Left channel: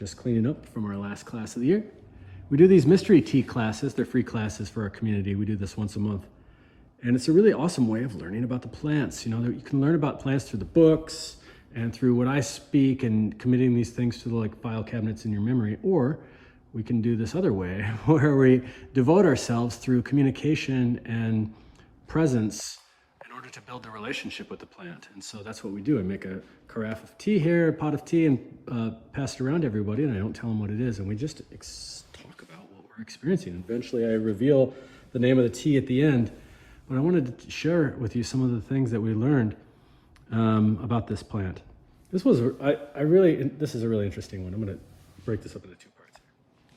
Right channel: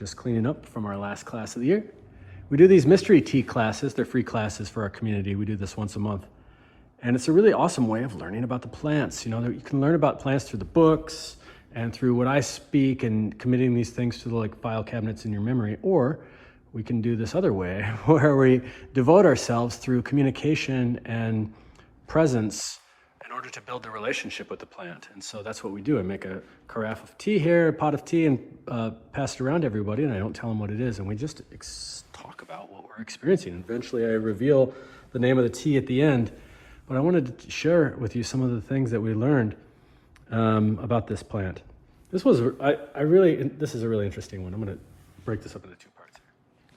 just cleaning up from our last class of the year. We do these mystery tea classes. They're free classes for our community. We do this once a month. And it's a really awesome way of learning about the plants. You know, you can learn about plants through the books and through what I speak and committing these things to the file cabinets in your memory, or we can do this other way where we devote ourselves through communication and presence in order to build the relationship with the plant. And so that's what we do. I make a carafe of tea here, a pot of tea, and pass it around to everybody, and I don't tell them what it is. And we just talk about what we're experiencing. And eventually I reveal the name of the tea at the end. But I wanted to share with you some of the things that we learned about this plant. This is a really interesting one. I'm going to break this up into two parts here.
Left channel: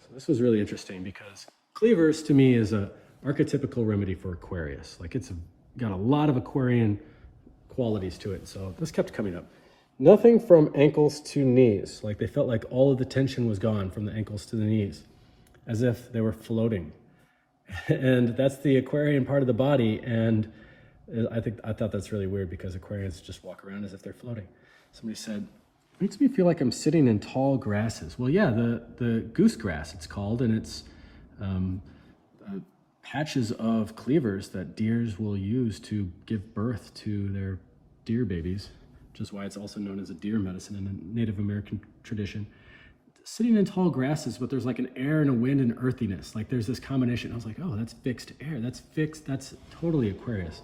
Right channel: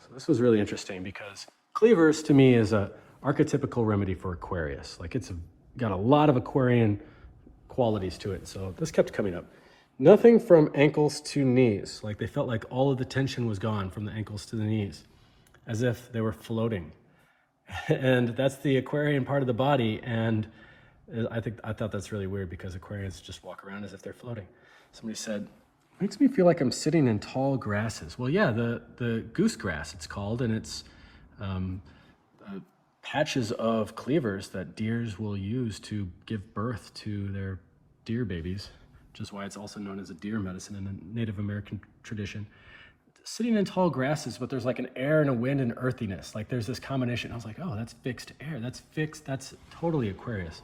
So this was really interesting because Cleavers to me is a archetypical remedy for Aquarius. Like it's got a lot of Aquarian qualities to it. So this kept coming up. Nothing from ankles to knees. Like they felt like all of the tension was gone from the ankles to the knees, as if they were floating. And that's the Aquarian part of the body. And I thought that's really weird because Aquarians just walk around as if they're floating. Somebody said, makes me feel like I'm sitting in tall grasses. Well, yeah, the goose grass it's called, and it's patches of cleavers that deers will use to give birth to their deer babies, which is why it's also known as a deer medicine in a Native American tradition. Sitting in tall grasses, but there's like an air and a wind and earthiness. Like there's this combination. I was like, oh, that's fixed air. That's fixed. That's totally Aquarius.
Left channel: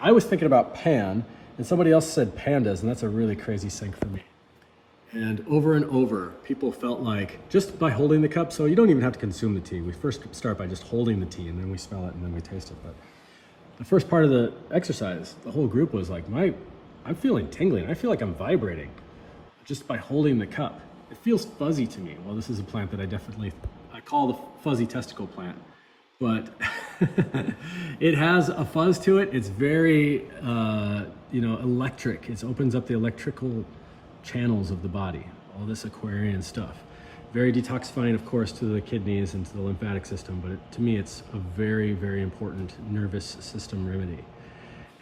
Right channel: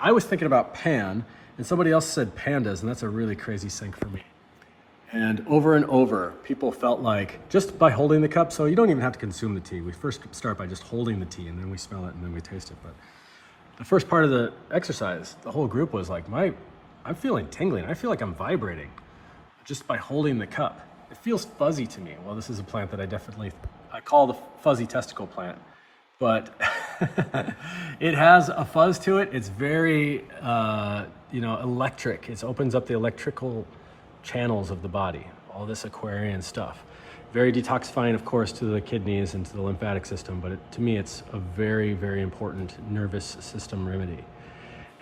I was thinking about pan, and somebody else said pandas, and that's a really crazy sync for me. And over, people felt like just by holding the cup, so you don't even have to consume the tea. We first start by just holding the tea, and then we smell it, and then we taste it. But the first part of the exercise, the whole group was like, I'm feeling tingling. I feel like I'm vibrating just by holding the cup. It feels fuzzy to me. Well, this is a plant that I call the fuzzy testicle plant, but it has a fuzz to it. It's very, electric. It opens up the electrical channels of the body, all this Aquarian stuff. Very detoxifying, of course, to the kidneys and to the lymphatic system, but to me, it's a very, very important nervous system remedy.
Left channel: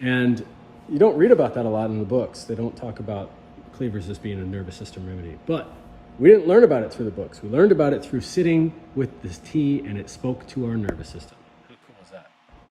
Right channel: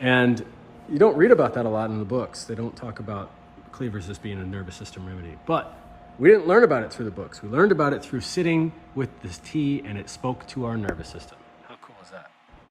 And you don't read about that a lot in the books. They don't talk about Cleavers as being a nervous system remedy, but we didn't learn about it through the books. We learned about it through sitting with this tea, and it spoke to our nervous system.